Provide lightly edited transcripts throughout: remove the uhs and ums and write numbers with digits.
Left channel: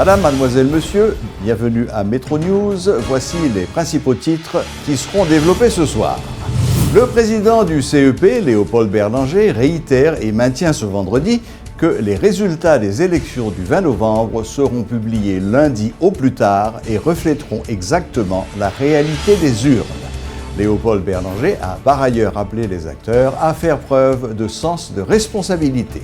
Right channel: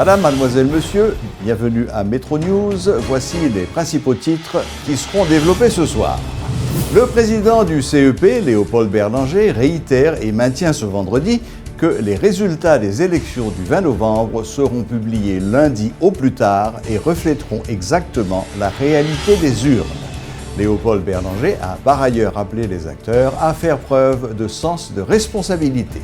Madame, mademoiselle, monsieur, bienvenue à Metro News. Voici les principaux titres qui seront développés ce soir. Le président du CEP, Léopold Berlanger, réitère et maintient ce vendredi que les résultats des élections du 20 novembre seront publiés lundi au plus tard et reflèteront exactement la réalité des urnes. Léopold Berlanger a par ailleurs appelé les acteurs à faire preuve de sens de responsabilité.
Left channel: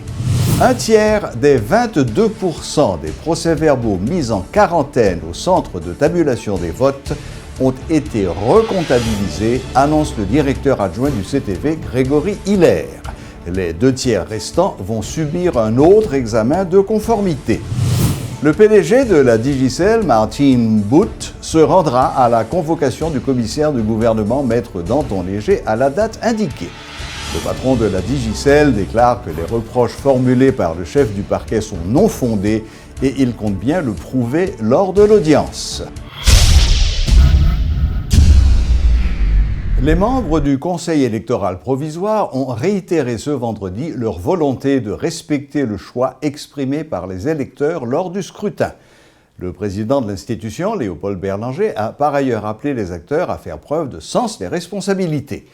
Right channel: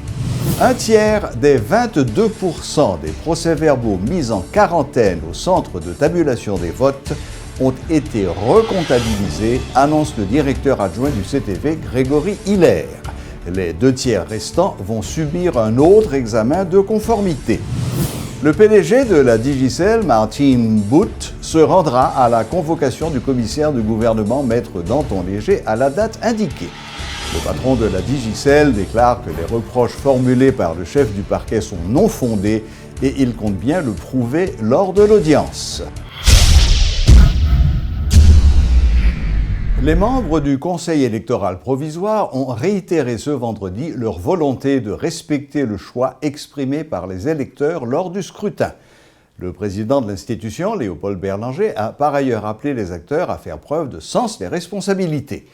Un tiers des 22% des procès-verbaux mis en quarantaine au centre de tabulation des votes ont été recomptabilisés, annonce le directeur adjoint du CTV, Grégory Hiller. Les 2 tiers restants vont subir un autre examen de conformité. Le PDG de la Digicel, Martin Booth, se rendra à la convocation du commissaire du gouvernement, Maître Danton Léger, à la date indiquée. Le patron de la Digicel déclare que les reproches formulés par le chef du parquet sont non fondés et il compte bien le prouver lors de l'audience. Les membres du Conseil électoral provisoire ont réitéré ce vendredi leur volonté de respecter le choix exprimé par les électeurs lors du scrutin. Le président de l'institution, Léopold Berlanger, a par ailleurs appelé les acteurs à faire preuve de sens des responsabilités.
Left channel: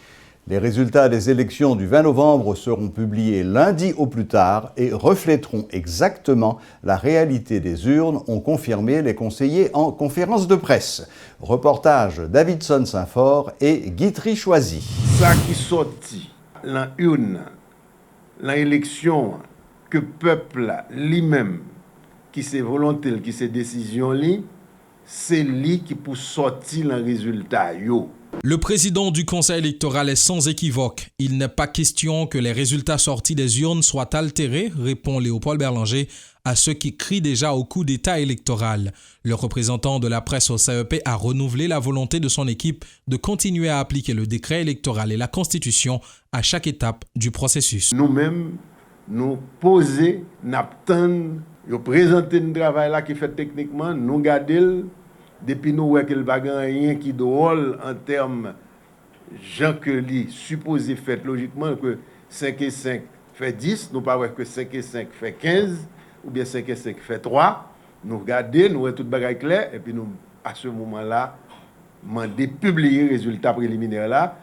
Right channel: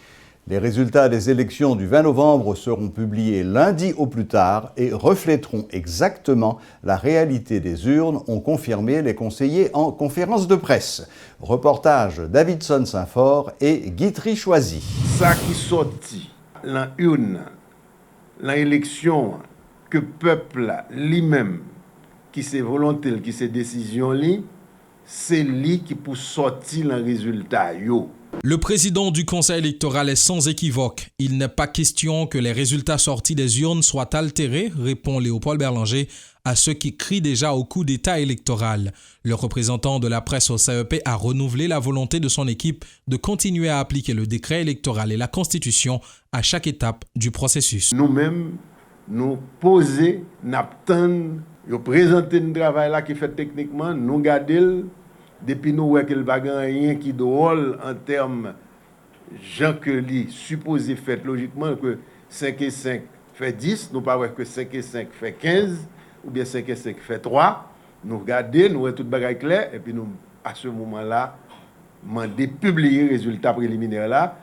Les résultats des élections du 20 novembre seront publiés lundi au plus tard et reflèteront exactement la réalité des urnes, ont confirmé les conseillers en conférence de presse. Reportage Davidson Saint-Fort et Guitry Choisy. Ça qui sorti dans l'urne, dans l'élection, que le peuple lui-même, qui ses volontés, qui ses décisions, c'est lui qui peut sortir le résultat. Le président du Conseil électoral est sans équivoque. Il n'est pas question que les résultats sortis des urnes soient altérés, répond Léopold Berlanger à ceux qui crient déjà au coup d'État électoral. Le représentant de la presse au CEP a renouvelé la volonté de son équipe de continuer à appliquer le décret électoral et la Constitution à chaque étape du processus. Nous-mêmes, nous poser, nous attendre, nous présenter un travail là qui fait techniquement, nous garder. Depuis nous voyons que le bagage rien qui drôle en termes gens que lui supposé fait logiquement que 5 et 5 fait 10, nous pas que 5 et 5 fait 15 ou bien 5 et 5 fait 3. Nous regarder, nous voyons tout bagage clair et puis nous à ce moment-là demander publier résultats préliminaires là.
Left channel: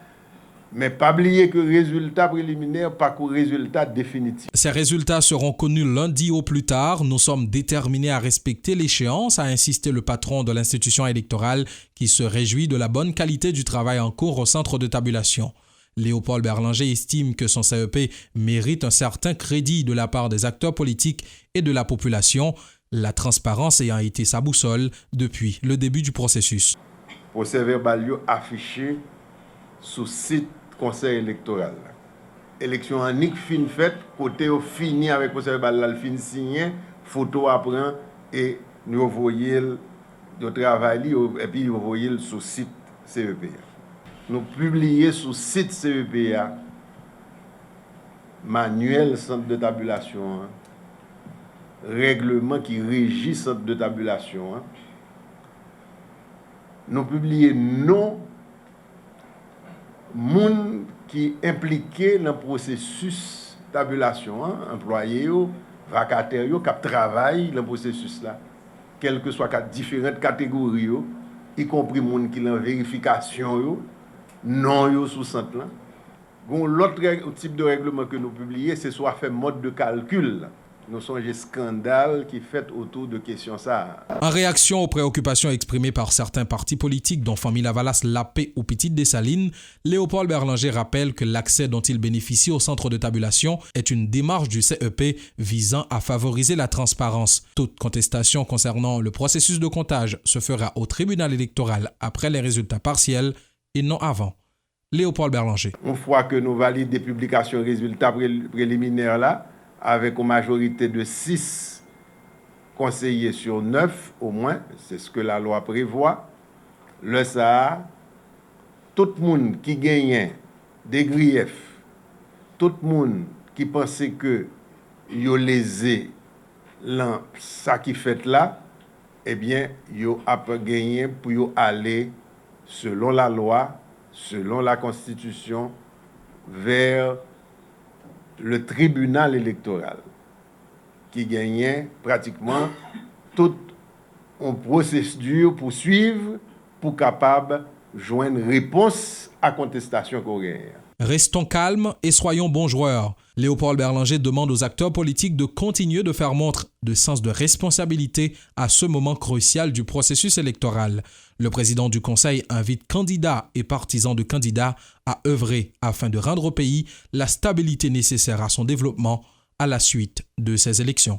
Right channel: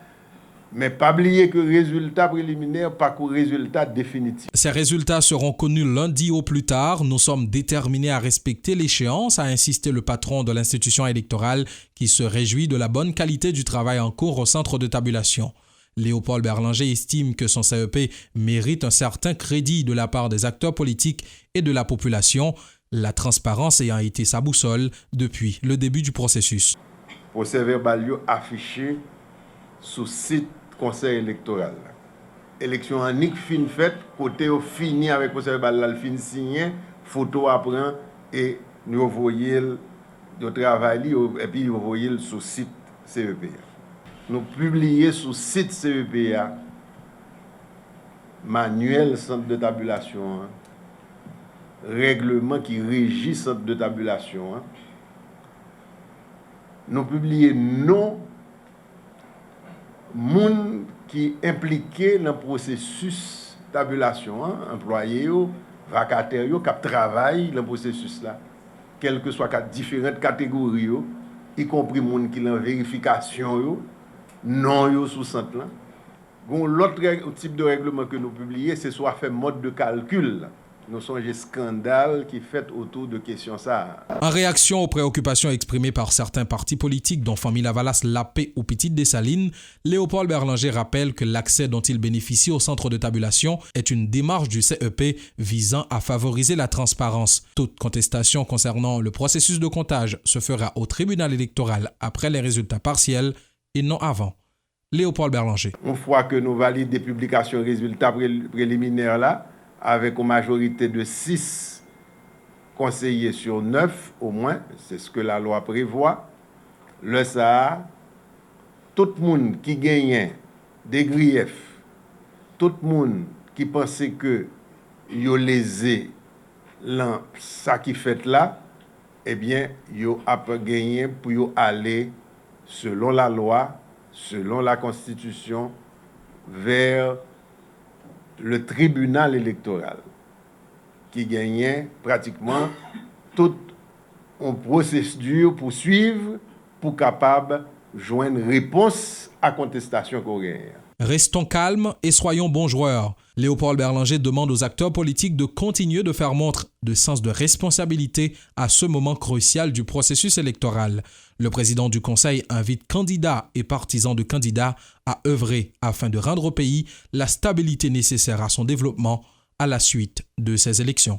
Mais pas oublier que résultat préliminaire pas que résultat définitif. Ces résultats seront connus lundi au plus tard. Nous sommes déterminés à respecter l'échéance, a insisté le patron de l'institution électorale qui se réjouit de la bonne qualité du travail en cours au centre de tabulation. Léopold Berlanger estime que son CEP mérite un certain crédit de la part des acteurs politiques et de la population, la transparence ayant été sa boussole depuis le début du processus. Procès-verbal affiché sous site Conseil électoral. Élection en fin faite, côté au fini avec le procès-verbal, fin signé, photo après et nous voyons le travail et puis nous voyons sur site CEP. Nous publions sur site CEP manuel centre de tabulation, règlement qui régit centre de tabulation. Nous publions non moun qui impliqué dans le processus de tabulation, employés, vacataires, qui travaillent dans le processus là, quelles que soient différentes catégories, y compris moun qui en vérification, non sous centre là. Bon, l'autre type de règlement que nous publions, c'est soit fait mode de calcul. Nous sommes des scandales qui fait autour de questions ça. En réaction aux préoccupations exprimées par certains partis politiques, dont Famille Lavalas, Lapé ou Petite Dessalines, Léopold Berlanger rappelle que l'accès dont il bénéficie au centre de tabulation est une démarche du CEP visant à favoriser la transparence. Toute contestation concernant le processus de comptage se fera au tribunal électoral après les résultats partiels et non avant. Léopold Berlanger. Une fois que nous validons des publications résultats préliminaires là, avec une majorité de 6 conseillers sur 9 au moins, c'est ce que la loi prévoit, le ça, tout le monde qui gagne des griefs, tout le monde qui pensait que yo lésé ça qui fait là, eh bien, yo a gagné pour yo aller selon la loi, selon la Constitution, vers le tribunal électoral qui gagnait pratiquement toute un procédure pour suivre, pour capable joindre réponse à contestation coréenne. Restons calmes et soyons bons joueurs. Léopold Berlanger demande aux acteurs politiques de continuer de faire montre de sens de responsabilité à ce moment crucial du processus électoral. Le président du Conseil invite candidats et partisans de candidats à œuvrer afin de rendre au pays la stabilité nécessaire à son développement à la suite de ces élections.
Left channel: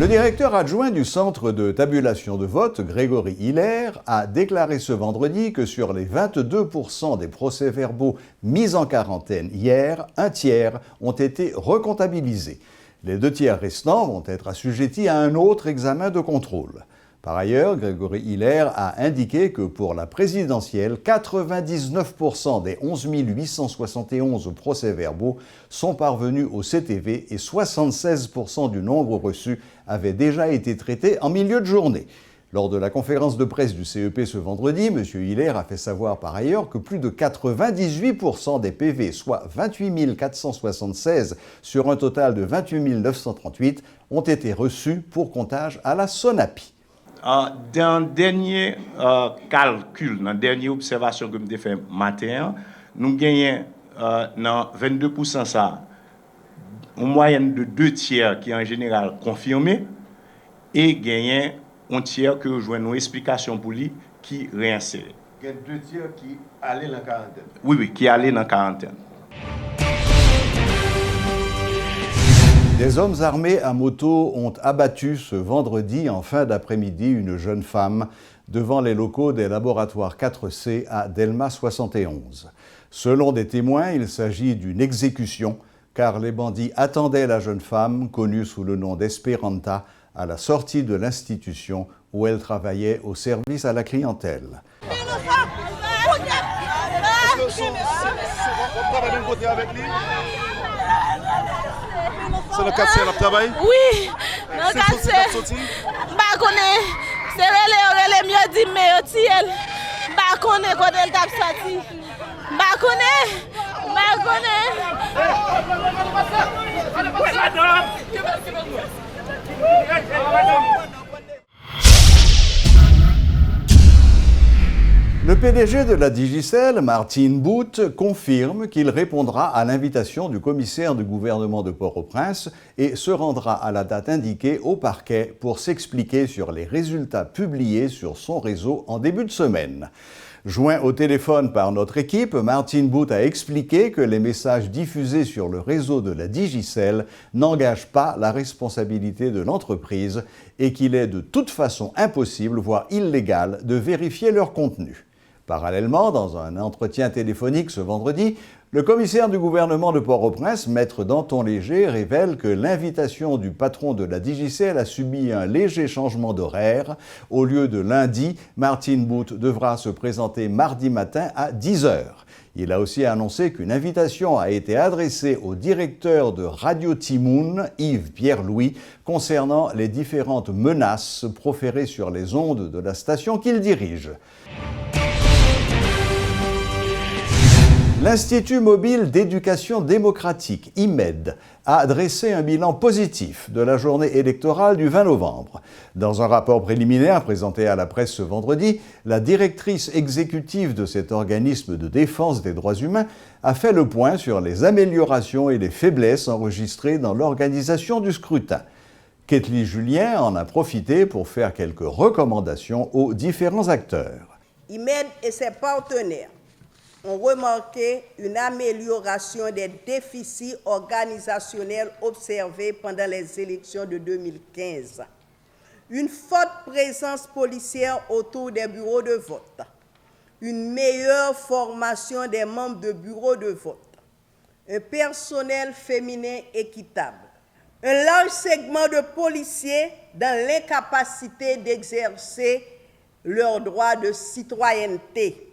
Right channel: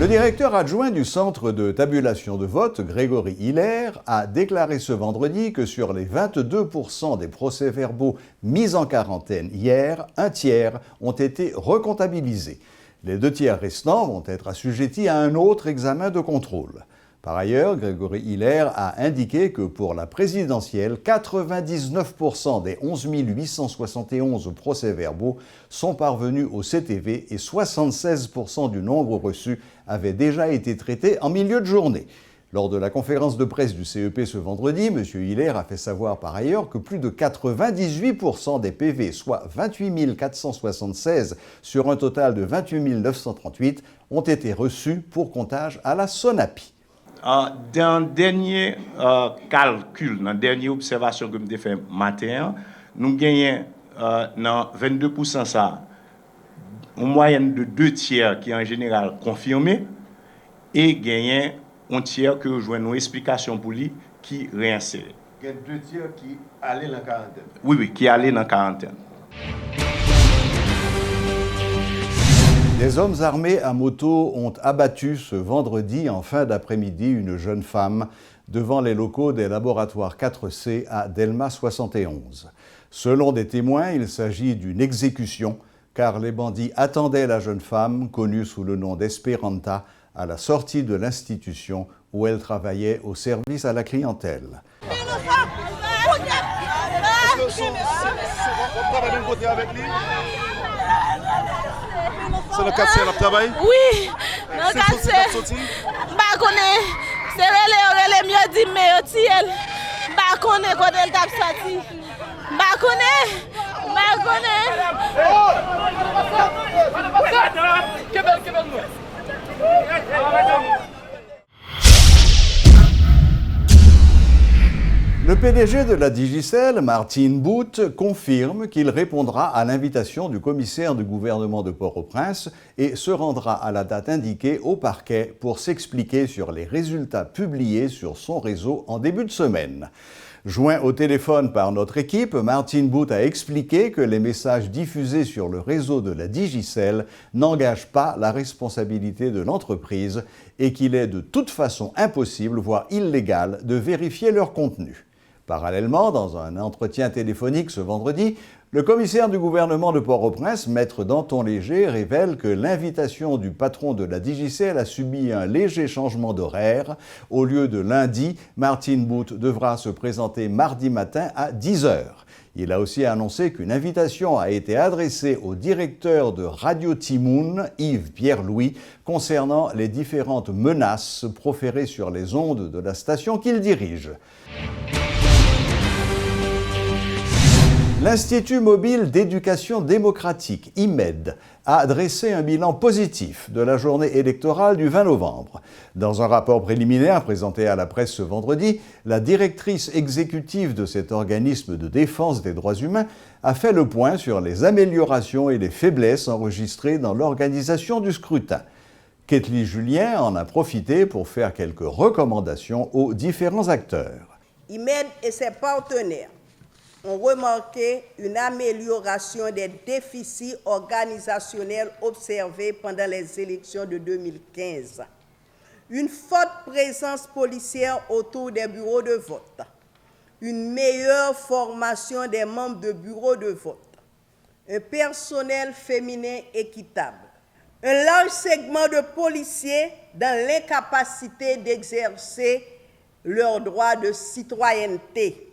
Le directeur adjoint du centre de tabulation de vote, Grégory Hiller, a déclaré ce vendredi que sur les 22% des procès-verbaux mis en quarantaine hier, un tiers ont été recomptabilisés. Les 2 tiers restants vont être assujettis à un autre examen de contrôle. Par ailleurs, Grégory Hiller a indiqué que pour la présidentielle, 99% des 11 871 procès-verbaux sont parvenus au CTV et 76% du nombre reçus avaient déjà été traités en milieu de journée. Lors de la conférence de presse du CEP ce vendredi, M. Hiller a fait savoir par ailleurs que plus de 98% des PV, soit 28 476 sur un total de 28 938, ont été reçus pour comptage à la SONAPI. Dans le dernier calcul, dans la dernière observation que nous avons fait matin, nous gagnons dans 22% ça, une moyenne de 2 tiers qui est en général confirmé, et gagnons un tiers que rejoint nos explications pour lui qui réinsère. Il y a 2 tiers qui allaient dans la quarantaine. Oui, qui allaient dans la quarantaine. Des hommes armés à moto ont abattu ce vendredi en fin d'après-midi une jeune femme devant les locaux des laboratoires 4C à Delma 71. Selon des témoins, il s'agit d'une exécution car les bandits attendaient la jeune femme, connue sous le nom d'Esperanta, à la sortie de l'institution où elle travaillait au service à la clientèle. C'est le 4C à travail? Oui, le 4C. Je connais. C'est le mieux dit, mais je connais quand elle tape sorti. Je connais. Le PDG de la Digicel, Martin Boot, confirme qu'il répondra à l'invitation du commissaire du gouvernement de Port-au-Prince et se rendra à la date indiquée au parquet pour s'expliquer sur les résultats publiés sur son réseau en début de semaine. Joint au téléphone par notre équipe, Martin Boot a expliqué que les messages diffusés sur le réseau de la Digicel n'engagent pas la responsabilité de l'entreprise et qu'il est de toute façon impossible, voire illégal, de vérifier leur contenu. Parallèlement, dans un entretien téléphonique ce vendredi, le commissaire du gouvernement de Port-au-Prince, Maître Danton Léger, révèle que l'invitation du patron de la Digicel a subi un léger changement d'horaire. Au lieu de lundi, Martin Boot devra se présenter mardi matin à 10h. Il a aussi annoncé qu'une invitation a été adressée au directeur de Radio Timoun, Yves Pierre-Louis, concernant les différentes menaces proférées sur les ondes de la station qu'il dirige. L'Institut mobile d'éducation démocratique, IMED, a dressé un bilan positif de la journée électorale du 20 novembre. Dans un rapport préliminaire présenté à la presse ce vendredi, la directrice exécutive de cet organisme de défense des droits humains a fait le point sur les améliorations et les faiblesses enregistrées dans l'organisation du scrutin. Ketli Julien en a profité pour faire quelques recommandations aux différents acteurs. IMED et ses partenaires ont remarqué une amélioration des déficits organisationnels observés pendant les élections de 2015. Une forte présence policière autour des bureaux de vote, une meilleure formation des membres de bureaux de vote, un personnel féminin équitable, un large segment de policiers dans l'incapacité d'exercer leurs droits de citoyenneté.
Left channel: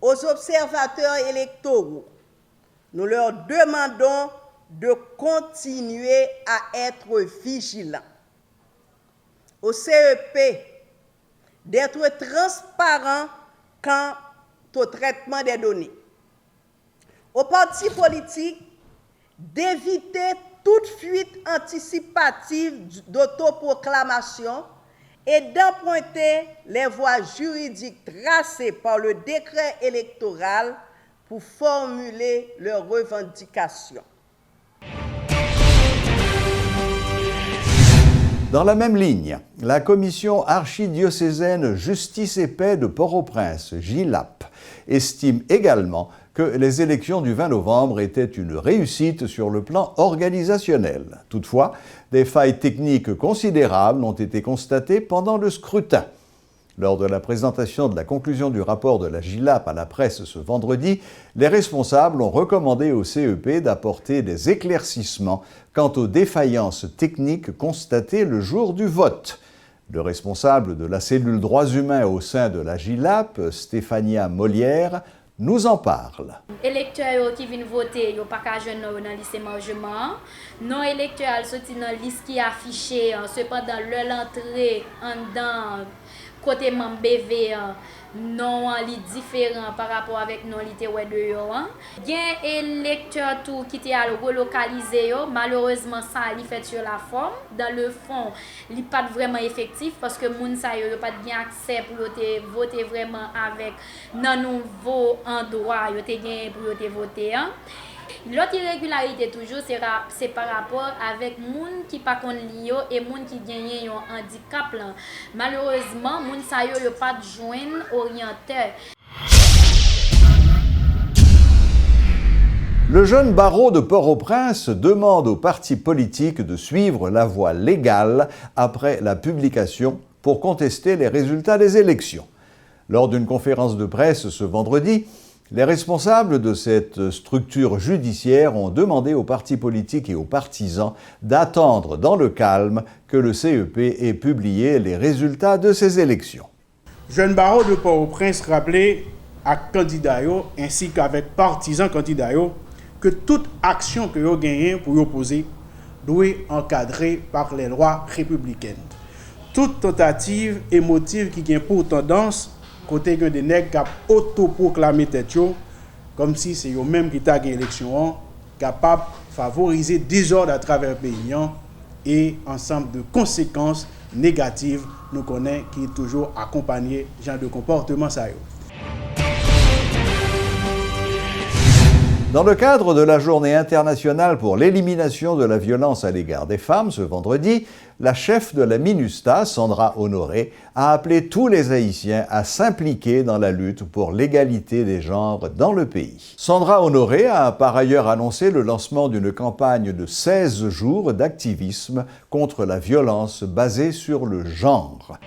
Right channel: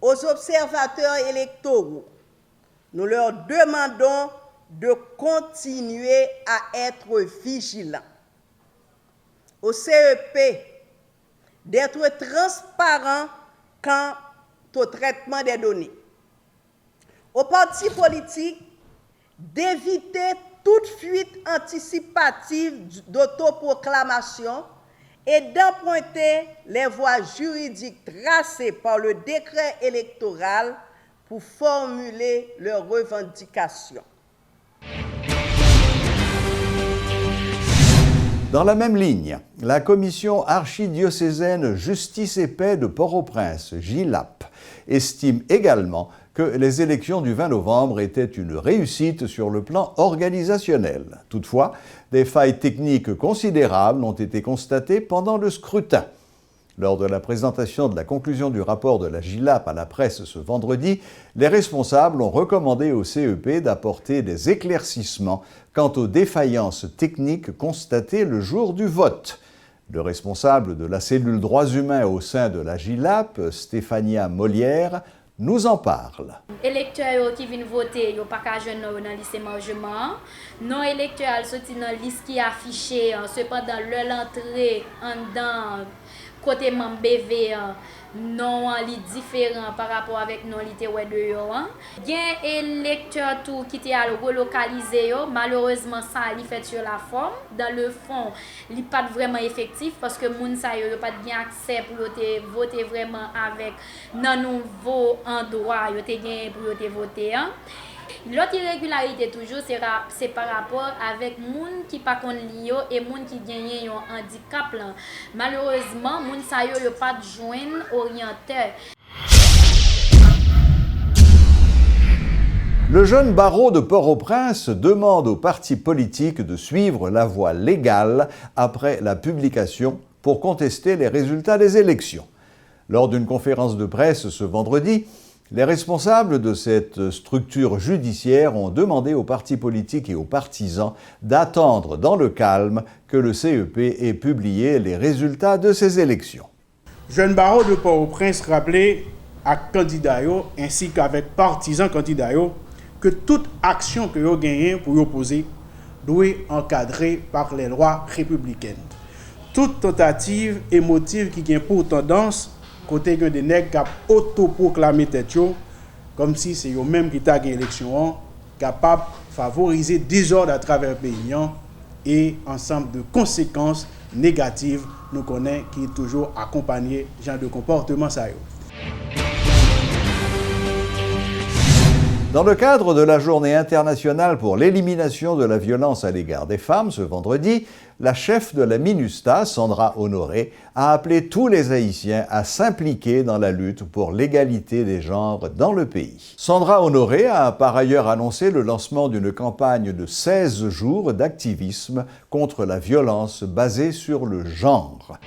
Aux observateurs électoraux, nous leur demandons de continuer à être vigilants. Au CEP, d'être transparent quant au traitement des données. Aux partis politiques, d'éviter toute fuite anticipative d'autoproclamation et d'emprunter les voies juridiques tracées par le décret électoral pour formuler leurs revendications. Dans la même ligne, la commission archidiocésaine Justice et Paix de Port-au-Prince, JILAP, estime également que les élections du 20 novembre étaient une réussite sur le plan organisationnel. Toutefois, des failles techniques considérables ont été constatées pendant le scrutin. Lors de la présentation de la conclusion du rapport de la JILAP à la presse ce vendredi, les responsables ont recommandé au CEP d'apporter des éclaircissements quant aux défaillances techniques constatées le jour du vote. Le responsable de la cellule droits humains au sein de la JILAP, Stéphania Molière, nous en parle. Électeurs qui viennent voter, ils n'ont pas qu'à jouer dans le lycée Margement. Non électeurs sont dans la liste qui est affichée, cependant leur entrée en dedans. Côté membre BV, non li différent par rapport avec non li te wè de yo. Il y a un électeur tout qui était relocalisé yo, malheureusement ça li fait sur la forme, dans le fond, li pas vraiment effectif parce que moun sa yo pas bien accès pour te voter vraiment avec nan nouveau endroit yo te gagné pour te voter. L'autre irrégularité toujours c'est par rapport avec moun qui pas kon li yo et moun qui gagne un handicap là. Malheureusement moun sa yo pas joindre orienteur. Le jeune barreau de Port-au-Prince demande aux partis politiques de suivre la voie légale après la publication pour contester les résultats des élections. Lors d'une conférence de presse ce vendredi, les responsables de cette structure judiciaire ont demandé aux partis politiques et aux partisans d'attendre dans le calme que le CEP ait publié les résultats de ces élections. Jeune barreau de Port-au-Prince rappelé à candidats ainsi qu'avec partisans candidats que toute action que vous gagnez pour opposer doit être encadrée par les lois républicaines. Toute tentative émotive qui gagne pour tendance côté que des nègres qui autoproclamé tête comme si c'est eux même qui t'a gagné l'élection capable de favoriser désordre à travers le pays et ensemble de conséquences négatives nous connaissons qui est toujours accompagné genre de comportement ça. Dans le cadre de la Journée internationale pour l'élimination de la violence à l'égard des femmes, ce vendredi, la chef de la MINUSTA, Sandra Honoré, a appelé tous les Haïtiens à s'impliquer dans la lutte pour l'égalité des genres dans le pays. Sandra Honoré a par ailleurs annoncé le lancement d'une campagne de 16 jours d'activisme contre la violence basée sur le genre.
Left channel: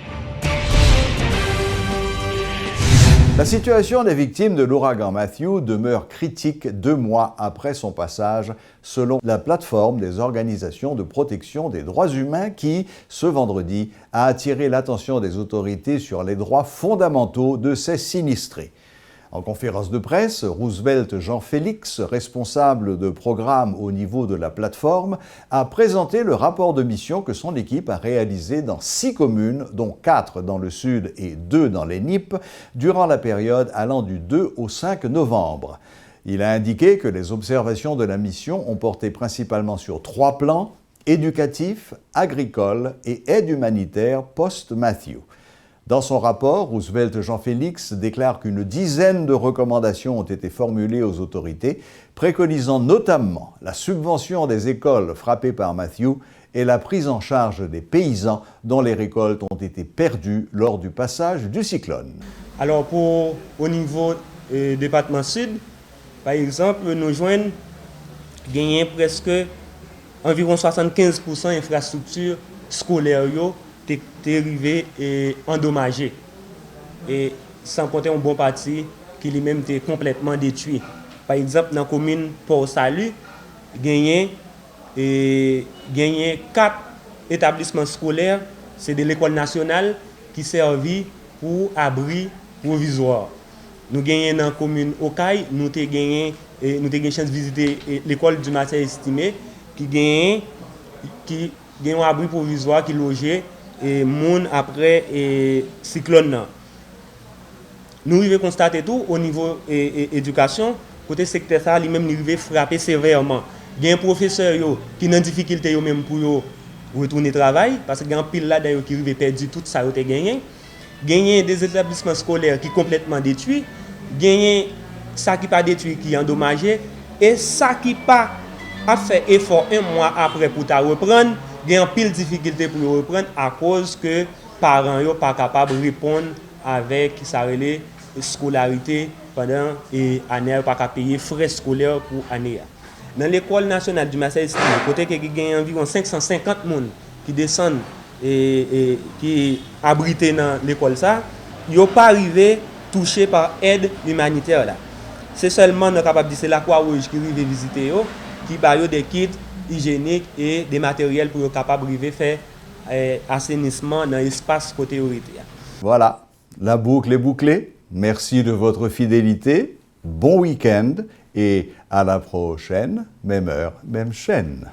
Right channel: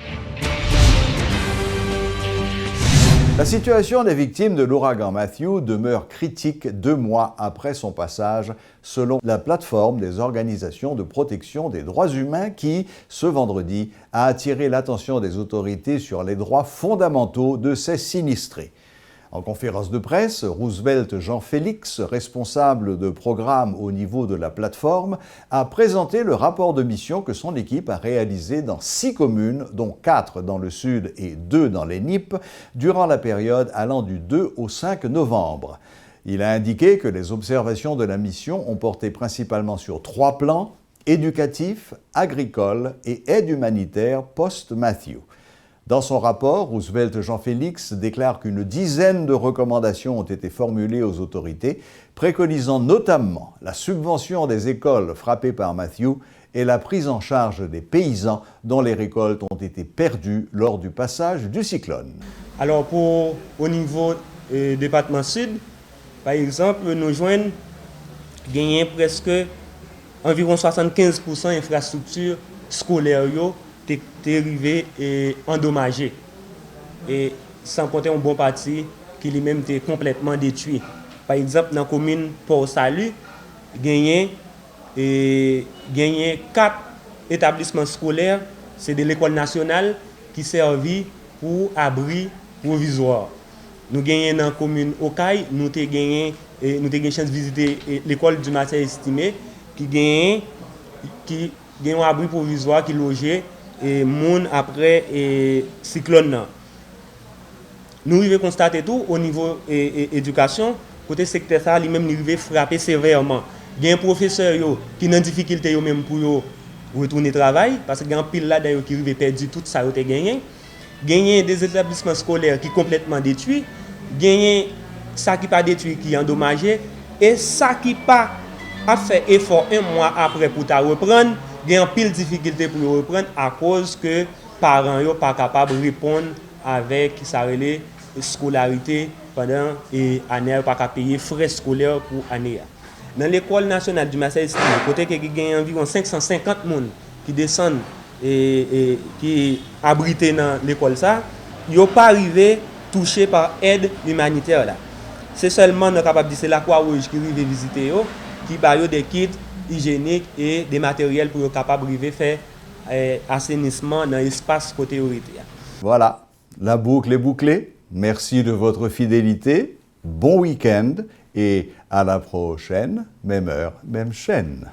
La situation des victimes de l'ouragan Matthew demeure critique 2 mois après son passage, selon la plateforme des organisations de protection des droits humains qui, ce vendredi, a attiré l'attention des autorités sur les droits fondamentaux de ces sinistrés. En conférence de presse, Roosevelt Jean-Félix, responsable de programme au niveau de la plateforme, a présenté le rapport de mission que son équipe a réalisé dans 6 communes, dont 4 dans le sud et 2 dans les NIP, durant la période allant du 2 au 5 novembre. Il a indiqué que les observations de la mission ont porté principalement sur 3 plans, éducatif, agricole et aide humanitaire post-Matthew. Dans son rapport, Roosevelt Jean-Félix déclare qu'une dizaine de recommandations ont été formulées aux autorités, préconisant notamment la subvention des écoles frappées par Matthew et la prise en charge des paysans dont les récoltes ont été perdues lors du passage du cyclone. Alors au niveau du département sud, par exemple, nous joignons gagner presque environ 75% d'infrastructures scolaires qui sont arrivées et endommagées. Et sans compter un bon parti qui lui-même était complètement détruit. Par exemple, dans la commune Port-Salut, gagner 4 établissements scolaires, c'est de l'école nationale qui servit pour abri provisoire. Nous gagnons dans la commune Okaï, nous avons gagné chance de visiter l'école du matin estimé qui gagne un abri provisoire qui logeait et moun après et cyclone. Nous avons constaté tout au niveau éducation, côté secteur ça lui-même nous avons frappé sévèrement. gen professeur yo qui nan difficulté yo même pour yo retourner travail parce que gen pile là d'ailleurs qui rive perdu tout ça yo te gagné. Gagné des établissements scolaires qui complètement détruits, gagné ça qui pas détruit qui endommagé et ça qui pas a fait effort un mois après pour ta reprendre, gen pile difficulté pour reprendre à cause que parents yo pas capable répondre avec ça relé scolarité pendant et année pas capable payer frais scolaires pour année. Dans l'école nationale du Marseille-Estime, côté que gagne environ 550 personnes qui descendent et qui abritent dans l'école ça, yo pas arrivé touché par aide humanitaire là. C'est seulement nous capable dire c'est la Croix-Rouge qui arrive visiter yo, qui ba yo des kits hygiéniques et des matériels pour yo capable arriver faire assainissement dans l'espace côté orité. Voilà, la boucle est bouclée. Merci de votre fidélité. Bon week-end et à la prochaine, même heure, même chaîne.